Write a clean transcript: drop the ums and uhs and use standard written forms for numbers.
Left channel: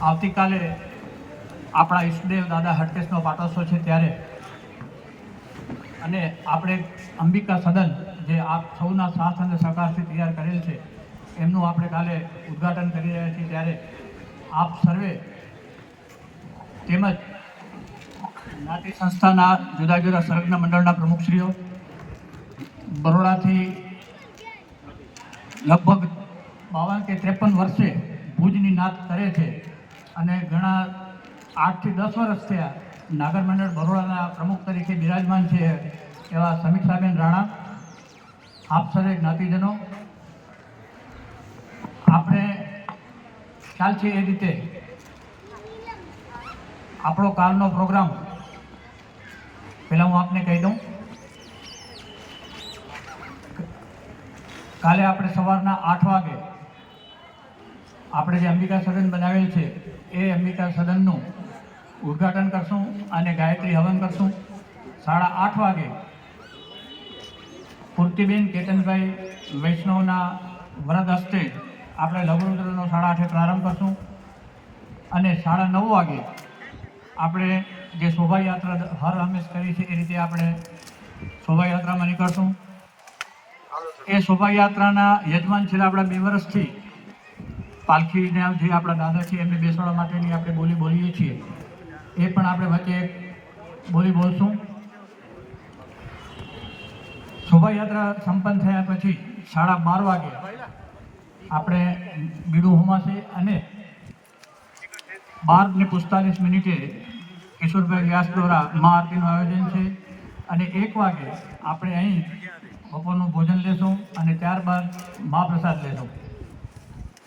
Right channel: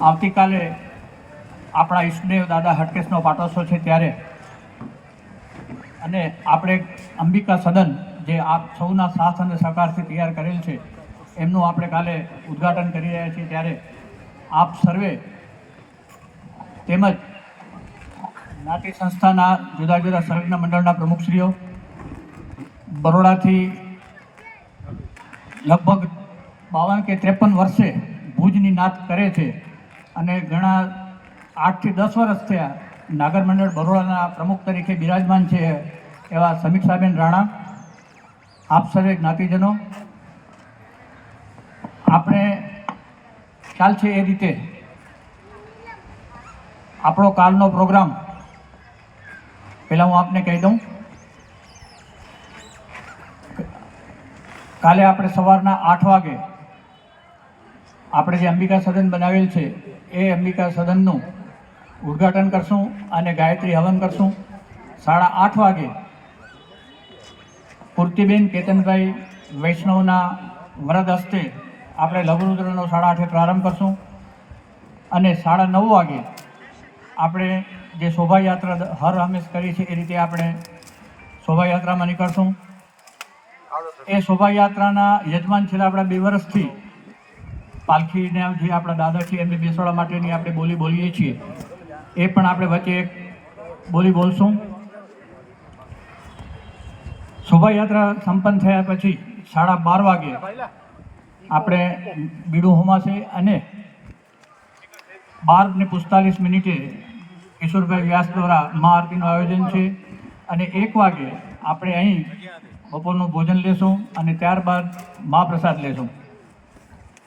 આવતીકાલે આપણા ઈષ્ટદેવ દાદા હટકેશનો પાટોત્સવ છે ત્યારે અને આપણે અંબિકા સદન જે આપ સૌના સાથ અને સહકારથી તૈયાર કરેલ છે એમનું આપણે કાલે ઉદ્ઘાટન કરી રહ્યા છીએ ત્યારે આપ સર્વે તેમજ જ્ઞાતિ સંસ્થાના જુદા જુદા સંલગ્ન મંડળના પ્રમુખશ્રીઓ બરોડાથી લગભગ 52 કે 53 વર્ષે ભુજની નાત કરે છે અને ઘણા 8 થી 10 વર્ષ થયા નાગર મંડળ બરોડાના પ્રમુખ તરીકે બિરાજમાન છે એવા સમીક્ષાબેન રાણા, આપ સર્વે જ્ઞાતિજનો, આપણે ખ્યાલ છે એ રીતે આપણો કાલનો પ્રોગ્રામ પહેલાં હું આપને કહી દઉં. કાલે આપણે સવારના 8 વાગે આપણે જે અંબિકા સદન બનાવેલ છે એ અંબિકા સદનનું ઉદ્ઘાટન કરશું અને ગાયત્રી હવન કરશું. 8:30 વાગે પૂર્તિબેન કેતનભાઈ વૈષ્ણવના વરદ હસ્તે આપણે લઘુરુદ્રનો 8:30 પ્રારંભ કરશું અને 9:30 વાગે આપણે જે શોભાયાત્રા હર હંમેશ કરી છે એ રીતે આપણે શોભાયાત્રામાં નીકળશું. એ શોભાયાત્રાના યજમાન છેલ્લા આપણા 2 વર્ષથી પાલખીને જે આપણા દાદા છે એમને બેસાડવા માટેની આપણે બોલી બોલીએ છીએ એ પણ આપણે વચ્ચે એક બોલી બોલશું. શોભાયાત્રા સંપન્ન થયા પછી 12:30 વાગે આપણે બીડું હોમાશે અને 12:45 કિશોરભાઈ વ્યાસ દ્વારા મહાઆરતીનું આયોજન છે અને 1 વાગે આપણે અહીં બપોરનું ભોજન લેશું અને ત્યારબાદ મહાપ્રસાદ લેશું.